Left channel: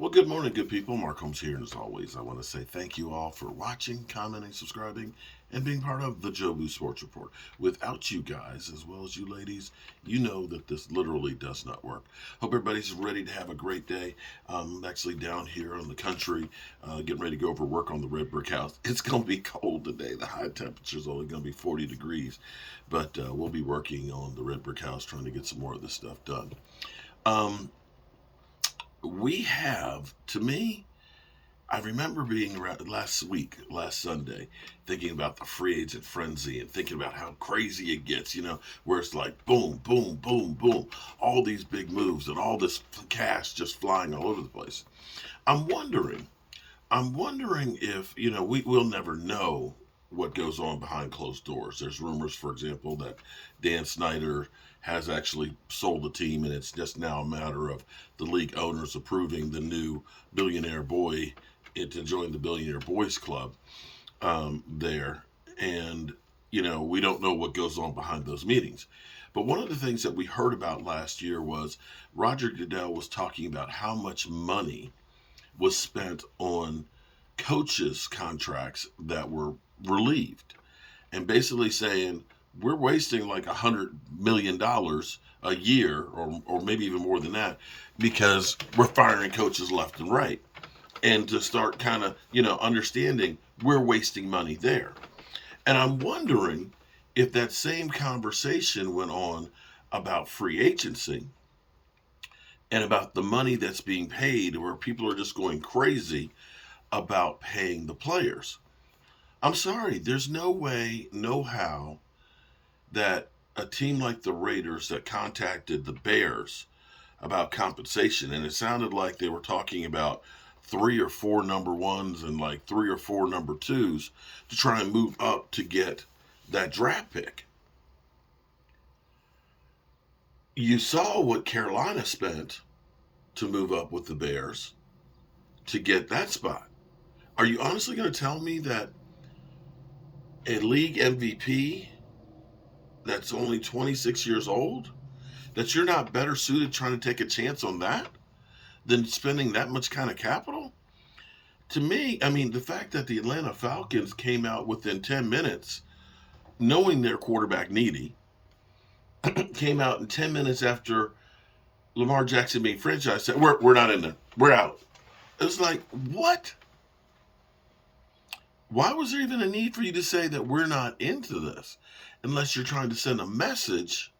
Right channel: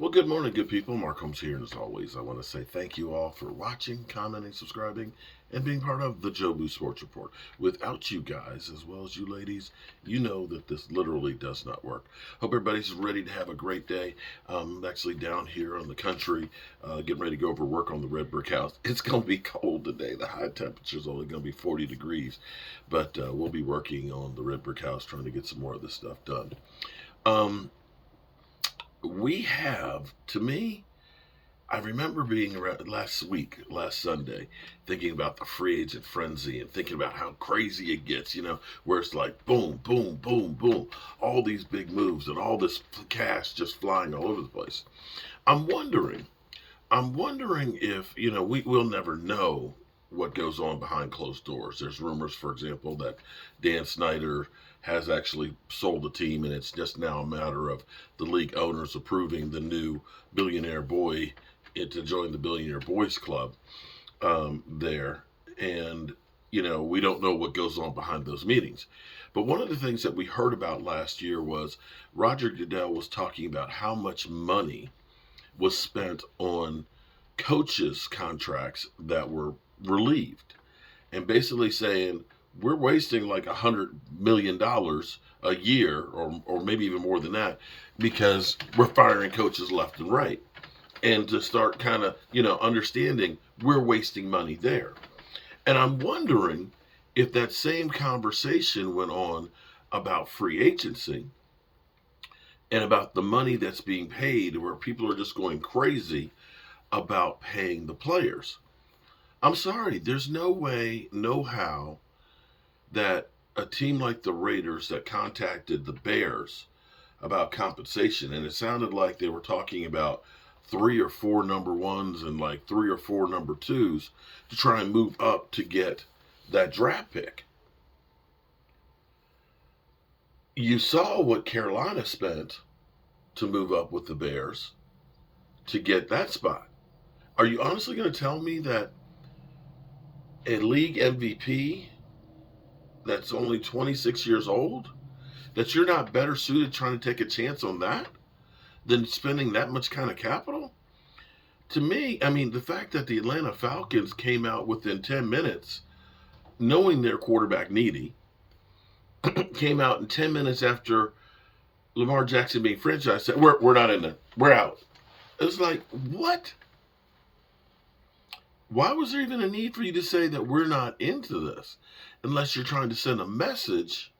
Well, good morning, good people. Mark Holmes here, and as always, I want to say thank you all for watching, commenting, subscribing, and being part of the Jobu Sports Report. Without you guys, as well as you ladies, you know that this literally does not work. Hope everybody's ready to have a great day. I'm actually down here in the country, getting ready to go over work on the red brick house. It's going to be cold today. The high temperature is only going to be 40 degrees, but we'll be working on the red brick house, trying to get some more of this stuff done. Um, we have, to me, I remember being around last Sunday, thinking about the free agent frenzy and thinking about how crazy it gets, where it's like boom, boom, boom, boom, all these big moves and all this cash just flying all over the place. I'm wondering, I'm wondering if, we'll never know what goes on behind closed doors. There's rumors, for example, that Dan Snyder has actually sold the team, and it's just now a matter of the league owners approving the new billionaire boy to join the Billionaire Boys Club there. And, we don't know what goes on behind those meetings. But one of the things that we heard about last year was Roger Goodell was talking about how much money was spent on coaches' contracts that were relieved, and basically saying we're wasting like $100 million a year, or maybe even more than that, because we're firing coaches left and right. And to start kind of understanding we're wasting money there. And I'm wondering if that same conversation went on about free agency and about the money that's being paid, where people are just going crazy about paying the players. I'm sorry, there's no way, no how that a team like the Raiders that contacted the Bears about compensation, and it sounded like they were talking about three or four number ones and like three or four number twos to try and move up to get that draft pick. You saw what Carolina spent to move up with the Bears to get that spot. Are you honestly going to tell me that a league MVP that's only 26 years old, that you're not better suited trying to take a chance on that than spending that much kind of capital? To me, I mean, the fact that the Atlanta Falcons came out within 10 minutes, knowing their quarterback needy, came out in 10 minutes after Lamar Jackson being franchised, said, we're not in there. We're out. It was like, what? Why was there even a need for you to say that we're not into this, unless you're trying to send a message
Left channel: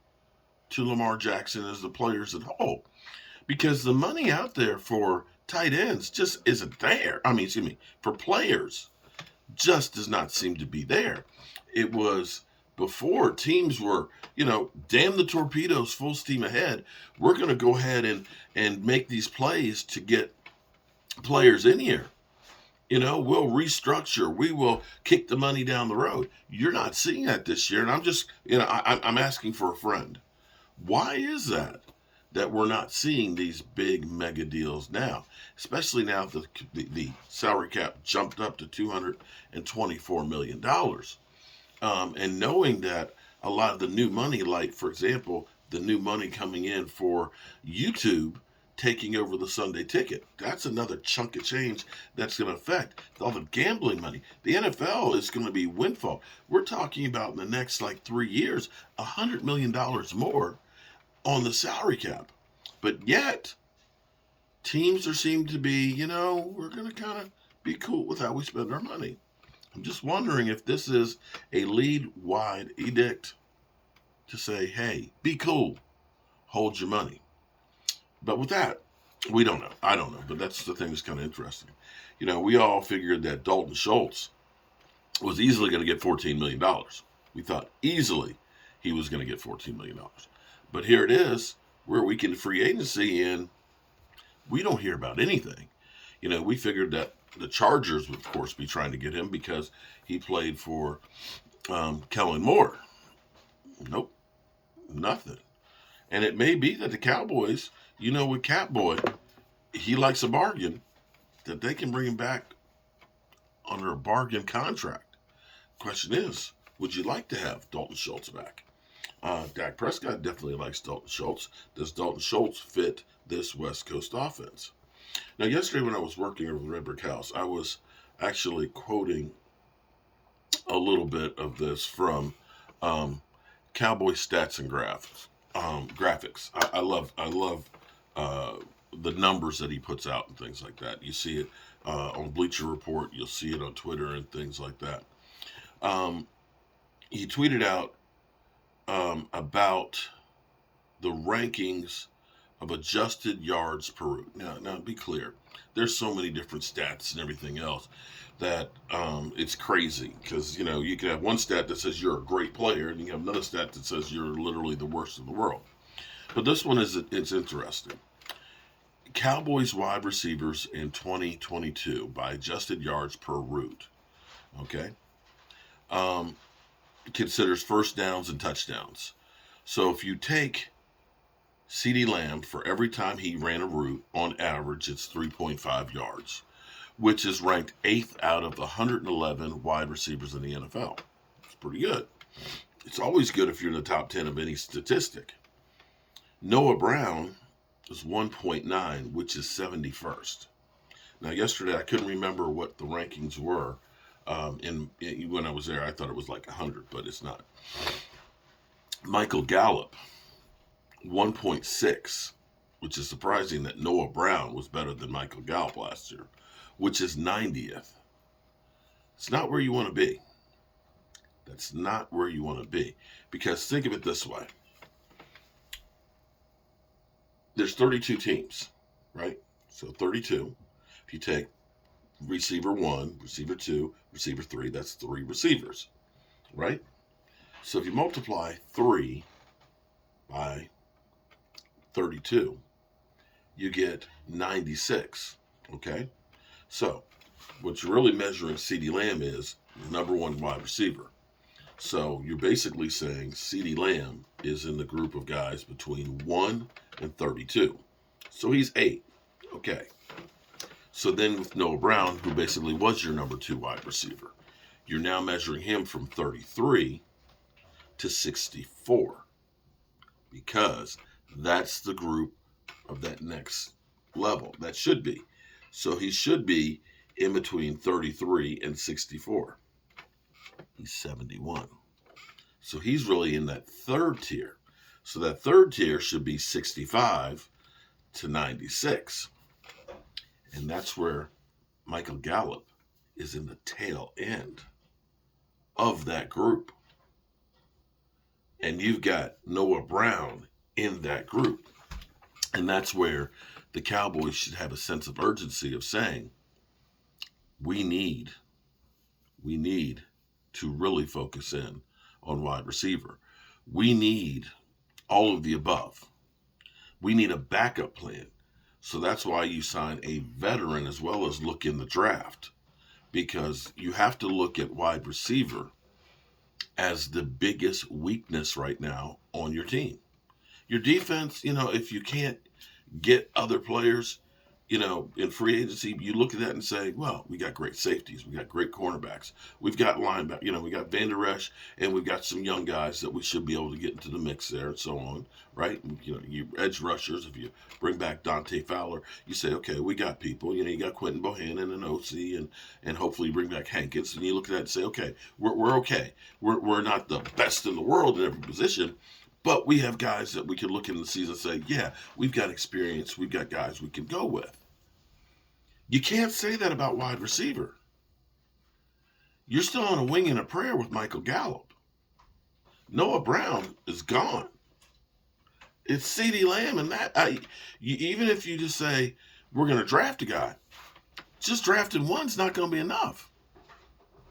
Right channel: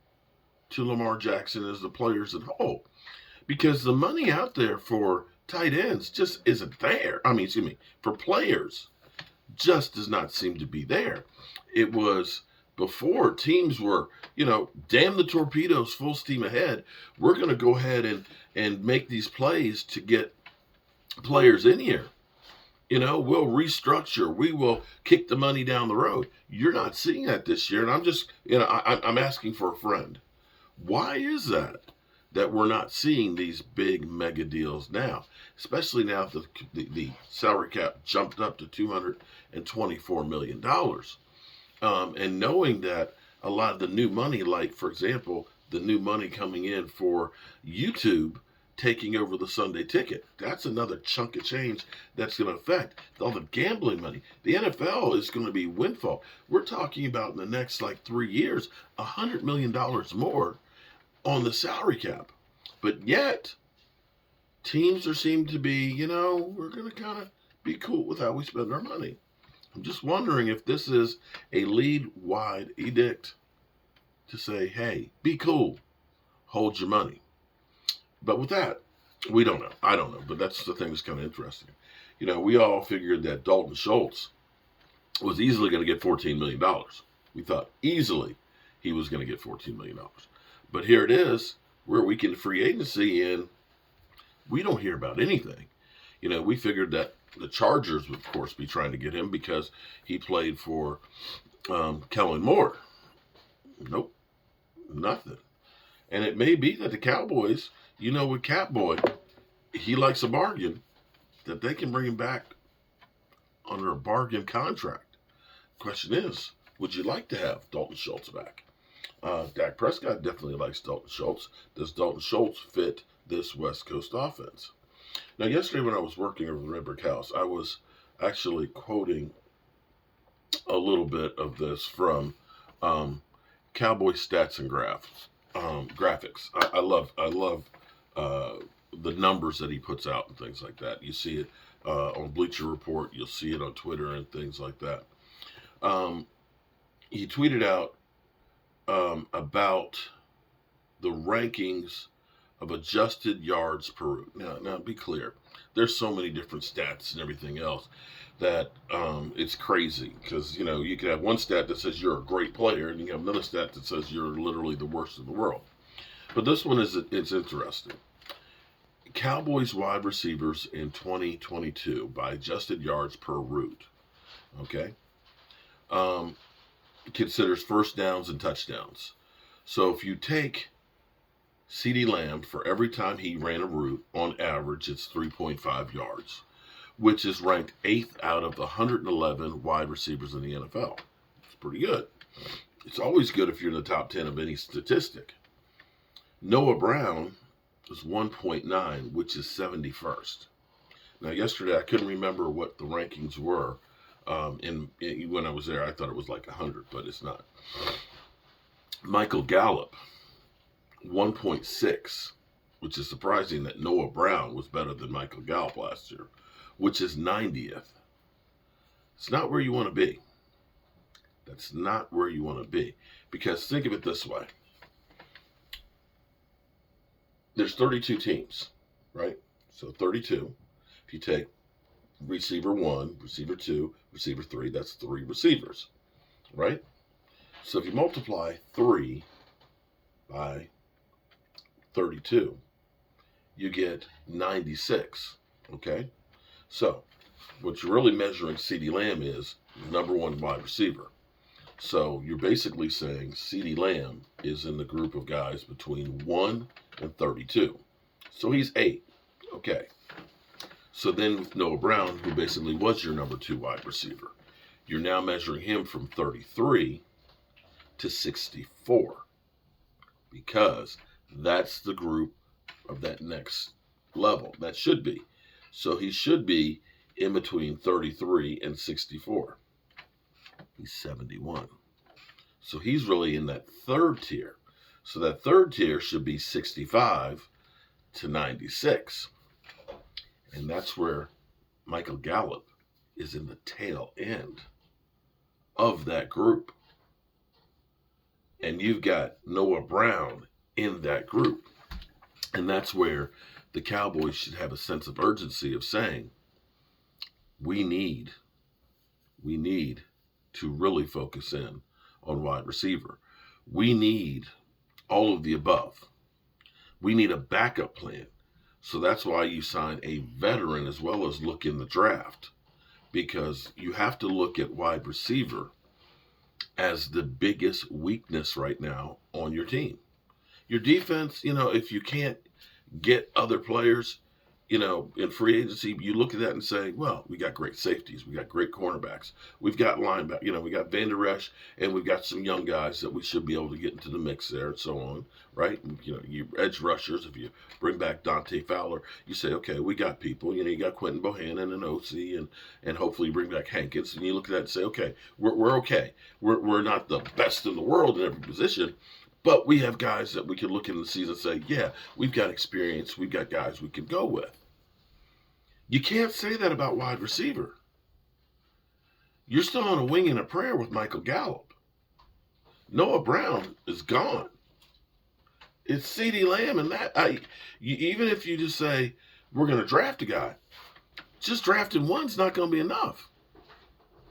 to Lamar Jackson as the players at whole? Because the money out there for tight ends just isn't there. I mean, excuse me, for players just does not seem to be there. It was before teams were, damn the torpedoes, full steam ahead. We're going to go ahead and make these plays to get players in here. We'll restructure. We will kick the money down the road. You're not seeing that this year, and I'm just, I'm asking for a friend. Why is that we're not seeing these big mega deals now, especially now that the salary cap jumped up to $224 million. And knowing that a lot of the new money, like, for example, the new money coming in for YouTube taking over the Sunday ticket, that's another chunk of change that's going to affect all the gambling money. The NFL is going to be windfall. We're talking about in the next like 3 years, $100 million more on the salary cap. But yet, teams are seem to be, we're going to kind of be cool with how we spend our money. I'm just wondering if this is a league-wide edict to say, hey, be cool, hold your money. But with that, we don't know. I don't know, but that's the thing that's kind of interesting. We all figured that Dalton Schultz was easily going to get $14 million. We thought easily he was going to get $14 million. But here it is, we're a week into free agency, and we don't hear about anything. We figured that the Chargers would, of course, be trying to get him because he played for Kellen Moore. Nope, nothing. And it may be that the Cowboys, with Catboy, he likes a bargain, that they can bring him back under a bargain contract. Question is, would you like to have Dalton Schultz back? Dak Prescott definitely likes Dalton Schultz. Does Dalton Schultz fit this West Coast offense? Now, yesterday when I was working over the Red Brick House, I was actually quoting a little bit of this from um, Cowboy Stats and Graphics. I love uh, the numbers that he puts out and things like that. You see it on Bleacher Report. You'll see it on Twitter and things like that. Um, he tweeted out about the rankings of adjusted yards per route. Now, be clear. There's so many different stats and everything else that it's crazy because you can have one stat that says you're a great player, and you have another stat that says you're literally the worst in the world. But this one it's interesting. Cowboys wide receivers in 2022 by adjusted yards per route. Okay, um, considers first downs and touchdowns. So if you take CeeDee Lamb, for every time he ran a route, on average, it's 3.5 yards, which is ranked 8th out of the 111 wide receivers in the NFL. It's pretty good. It's always good if you're in the top 10 of any statistic. Noah Brown is 1.9, which is 71st. Now, yesterday, I couldn't remember what the rankings were. When I was there, I thought it was like 100, but it's not. Michael Gallup, 1.6, which is surprising that Noah Brown was better than Michael Gallup last year, which is 90th. It's not where you want to be. That's not where you want to be. Because think of it this way. There's 32 teams, right? So 32. If you take receiver 1, receiver 2, receiver 3, that's 3 receivers, right? So if you multiply 3 by 32, you get 96, okay? So what you're really measuring CeeDee Lamb is number 1 wide receiver. So you're basically saying CeeDee Lamb is in the group of guys between 1 and 32. So he's 8, okay. So then with Noah Brown, who basically was your number 2 wide receiver, you're now measuring him from 33 to 64, because that's the group of that next level. That should be. So he should be in between 33 and 64. He's 71. So he's really in that third tier. So that third tier should be 65 to 96. And that's where Michael Gallup is in the tail end of that group. And you've got Noah Brown in that group. And that's where the Cowboys should have a sense of urgency of saying, we need to really focus in on wide receiver. We need all of the above. We need a backup plan. So that's why you sign a veteran as well as look in the draft, because you have to look at wide receiver as the biggest weakness right now on your team. Your defense, if you can't get other players, in free agency, you look at that and say, well, we got great safeties. We got great cornerbacks. We've got linebackers. We got Van Der Esch, and we've got some young guys that we should be able to get into the mix there and so on, right? You edge rushers, if you bring back Dante Fowler, you say, okay, we got people. You got Quentin Bohannon and OC, and hopefully you bring back Hankins, and you look at that and say, okay, we're okay. We're not the best in the world in every position, but we have guys that we can look in the season and say, yeah, we've got experience. We've got guys we can go with. You can't say that about wide receiver. You're still on a wing and a prayer with Michael Gallup. Noah Brown is gone. It's CeeDee Lamb, and even if you just say, we're going to draft a guy, just drafting one's not going to be enough.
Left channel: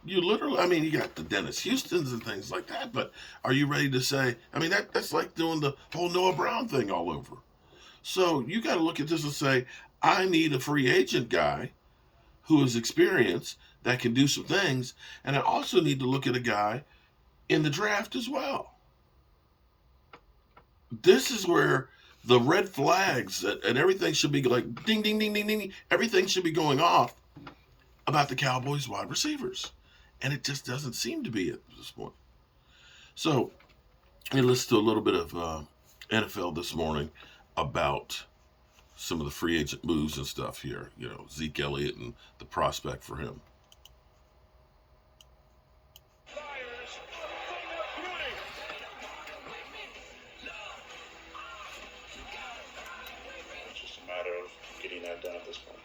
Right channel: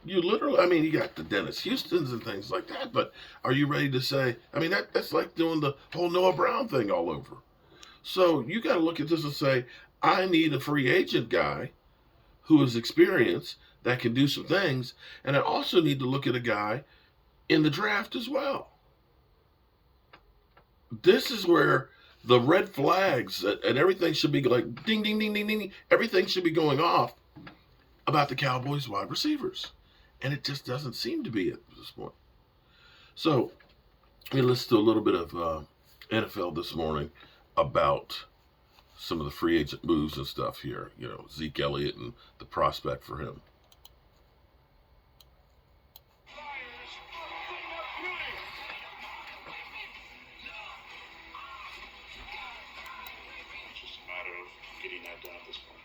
You literally, you got the Dennis Houstons and things like that, but are you ready to say, that's like doing the whole Noah Brown thing all over. So you got to look at this and say, I need a free agent guy who is experienced that can do some things, and I also need to look at a guy in the draft as well. This is where the red flags and everything should be like ding, ding, ding, ding, ding. Everything should be going off about the Cowboys wide receivers. And it just doesn't seem to be at this point. So we listened to a little bit of NFL this morning about some of the free agent moves and stuff here. You know, Zeke Elliott and the prospect for him. It's just a matter of getting that done at this point.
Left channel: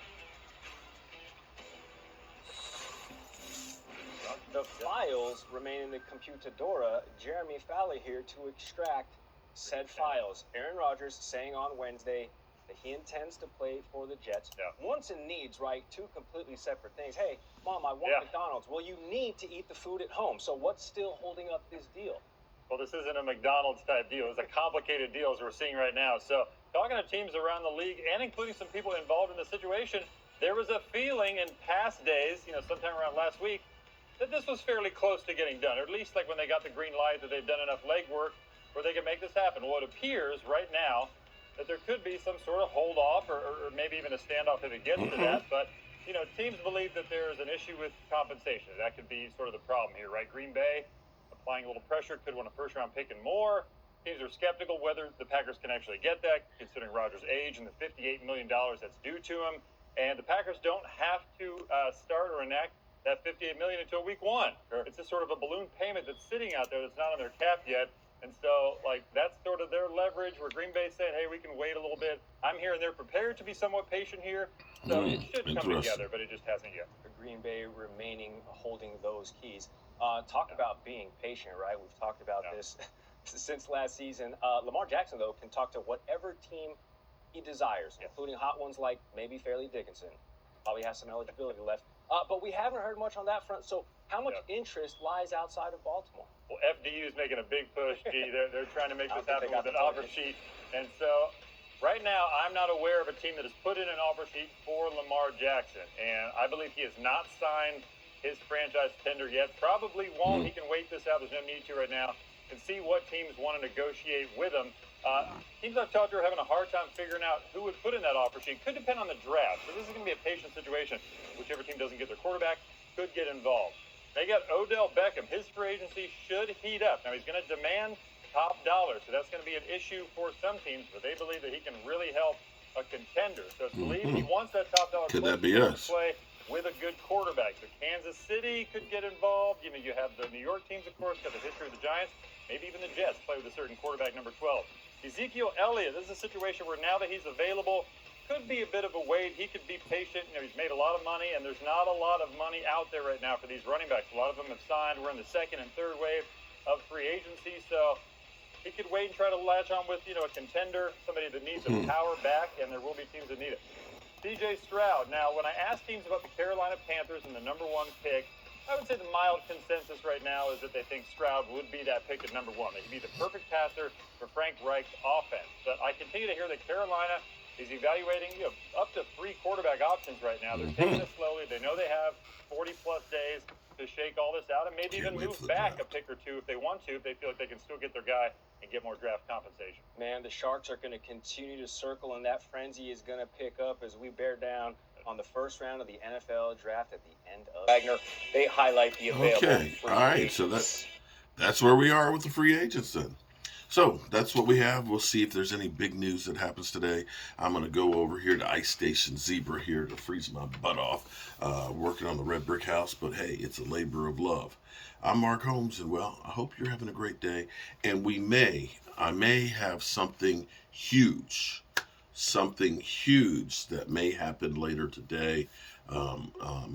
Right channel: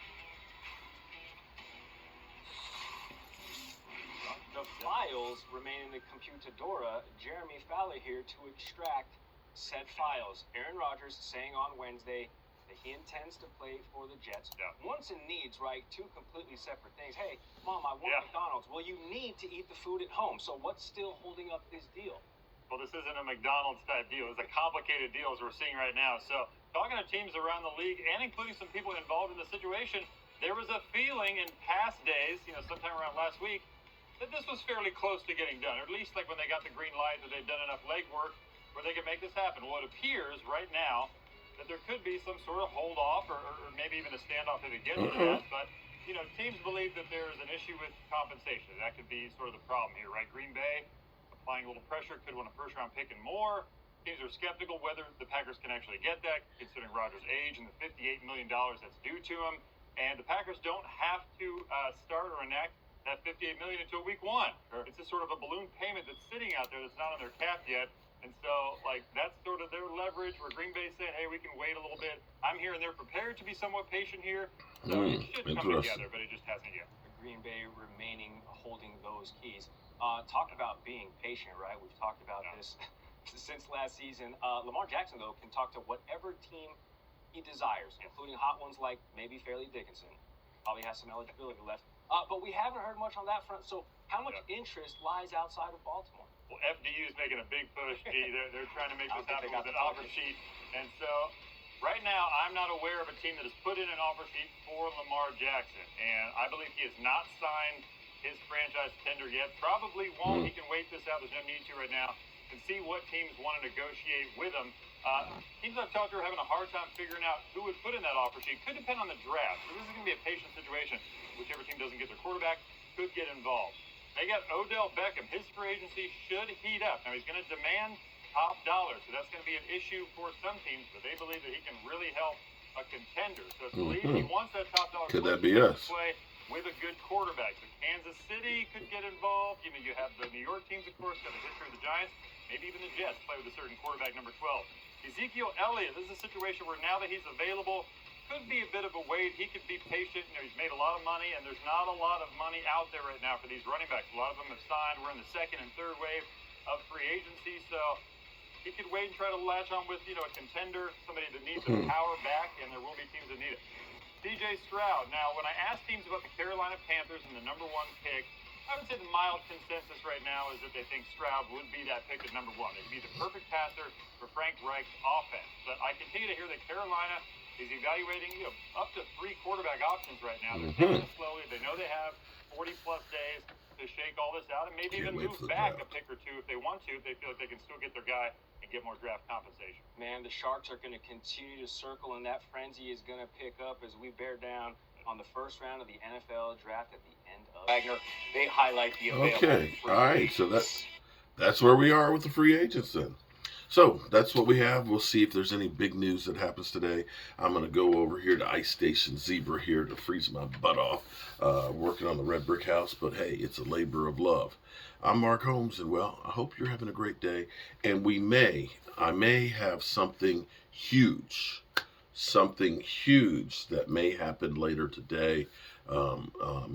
The files remain in the computadora. Jeremy Fowler here to extract said files. Aaron Rodgers saying on Wednesday that he intends to play for the Jets. Wants and needs, right? Two completely separate things. Hey, Mom, I want McDonald's. Well, you need to eat the food at home. So what's still holding up this deal? Well, this isn't a McDonald's type deal. It's a complicated deal as we're seeing right now. So talking to teams around the league and including some people involved in the situation, there was a feeling in past days, sometime around last week, that this was fairly close to getting done, or at least like when they got the green light that they've done enough legwork where they can make this happen. Well, it appears right now that there could be some sort of hold off or maybe even a standoff if it gets to that. But, teams believe that there is an issue with compensation. That could be sort of the problem here, right? Green Bay applying a little pressure, could win a first-round pick and more. Teams are skeptical whether the Packers can actually get that, considering Rodgers' age and the $58 million that's due to him. And the Packers don't have to start or enact that $58 million until week 1. Sure. It's just sort of a balloon payment that's sitting out there that's not on their cap yet. And so, that's sort of their leverage where Green Bay said, hey, we can wait a little bit. I'm here and they're prepared to be somewhat patient here. So it should come together, but it just hasn't yet. Green Bay remaining holding those keys. Talk about being patient, right? We've talked about this since last season. Lamar Jackson, though, can talk to whatever team he desires, including hot ones like maybe Fairleigh Dickinson. Probably has some eligibility left. But we haven't heard much on that front. So how much interest lies outside of Baltimore? Well, FDU is making a big push. They're trying to make this happen with an offer sheet. And so right now, I'm not aware of a team that has put in an offer sheet for Lamar Jackson. And I believe he has not signed his franchise tender yet. Probably won't. He can wait this out. There's no need to right now. And see what teams want to negotiate with him. Teams I've talked to are having a hard time figuring out who would put in that offer sheet. Could depend on the draft. So this is going to be a patient situation. Whichever team doesn't get their quarterback could get involved. They got Odell Beckham. His free agency should heat up. Now, he's going to demand top dollar, so that's going to be an issue for some teams, but they believe that he can really help a contender. So it's believed he wants that top dollar Could that be us? Play with a good quarterback. So Kansas City could get involved. You have the New York teams, of course, got the history of the Giants. Maybe even the Jets play with a certain quarterback, number 12. Ezekiel Elliott, this is a situation where now that he's available, could be a bit of a wait. He could be patient. He's made a lot of money, and there's not a lot of money out there right now for these running backs. A lot of them have signed. We're in the second and third wave of free agency, so he could wait and try to latch on with, a contender, somebody that needs a power back, and there will be teams that need it. C.J. Stroud. Now, when I ask teams about the Carolina Panthers and the number 1 pick, I would say the mild consensus right now is that they think Stroud would be that pick at number 1. They could be the perfect passer for Frank Reich's offense. But I continue to hear that Carolina is evaluating up to 3 quarterback options right now. They're taking it slowly. They know they have 40-plus days to shake all this out and maybe even move back a pick or two if they want to, if they feel like they can still get their guy and get more draft compensation. Man, the Sharks are going to continue to circle, and that frenzy is going to pick up as we bear down on the first round of the NFL draft at the end of Wagner. They highlight the available. Okay, all right. So that's where we are with the free agents then. So that's what we have. We'll see if there's any big news that happens today. I'm going to go over here to Ice Station Zebra here to freeze my butt off, working on the red brick house. But hey, it's a labor of love. I'm Mark Holmes, and well, I hope you're having a great day. And I may have something huge that may happen later today. I'm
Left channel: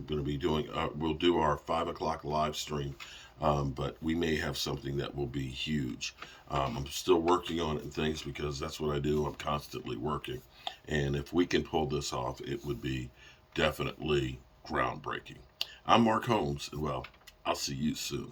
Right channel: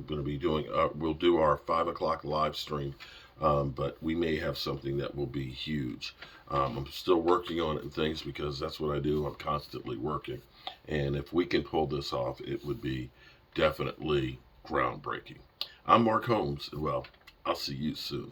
going to be doing, we'll do our 5 o'clock live stream, but we may have something that will be huge. I'm still working on it and things because that's what I do. I'm constantly working. And if we can pull this off, it would be definitely groundbreaking. I'm Mark Holmes, and well, I'll see you soon.